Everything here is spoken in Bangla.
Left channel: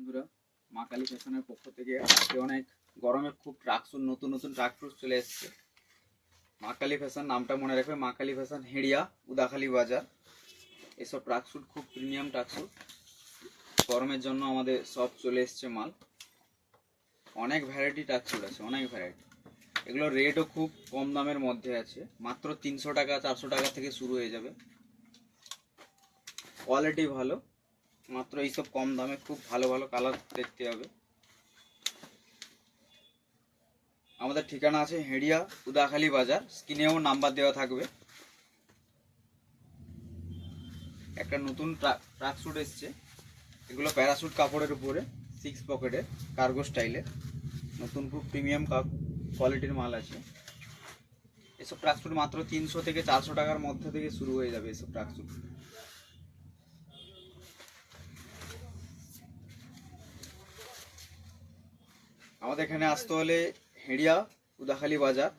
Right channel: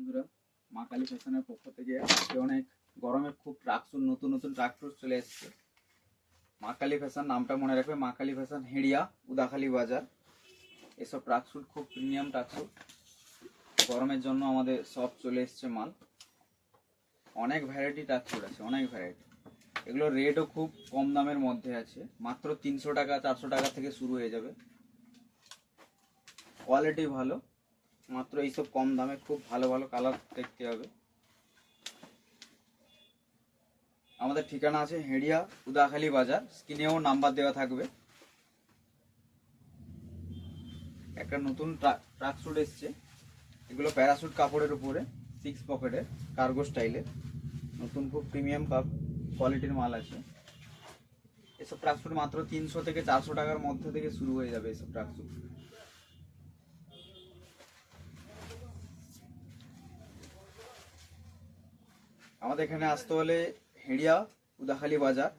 বন্ধুরা, মা কালী ফ্যাশনের পক্ষ থেকে আজকে অনেক গরমে খুব ট্রাকস্যুট নতুন নতুন ট্রাকস্যুট চলে এসেছে। মা কালী ফ্যাশন নামটা মনে রাখবে, মা কালী ফ্যাশন, হেড়িয়া, উদাখালি বাজার। এসব ট্রাকস্যুট খুব প্রিমিয়াম ট্রাকস্যুট, গরমের জন্য আমাদের সব চলে এসছে মাল। অনেক ভ্যারাইটি ট্রাকস্যুট আছে, অনেক ভ্যারাইটি। এগুলো রেটও খুব কম দামের মধ্যে আছে, মাত্র 300 টাকা 400 টাকা থেকে শুরু হয়ে যাবে। কোয়ালিটি ভালো, মাত্র এইসব কম দামে খুব ভালো ভালো কালার দেখতে হবে। আমাদের ঠিকানা আছে হেড়িয়া, উদাখালি বাজার। স্ক্রিনেও নাম্বার দেওয়া থাকবে। একটা নতুন ট্রাকস্যুট এসছে, এগুলো প্যারাশুট কাপড়ের উপরে 6 পকেটের কার্গো স্টাইলের, নতুন খুব প্রিমিয়াম কোয়ালিটির মাল আছে। এসব ট্রাকস্যুট মাত্র 300 থেকে 400 টাকার মধ্যে থেকে শুরু হয়ে যাবে এসব ট্রাকস্যুট। আমাদের এখানে আসতে হলে হেড়িয়া, উদাখালি বাজার,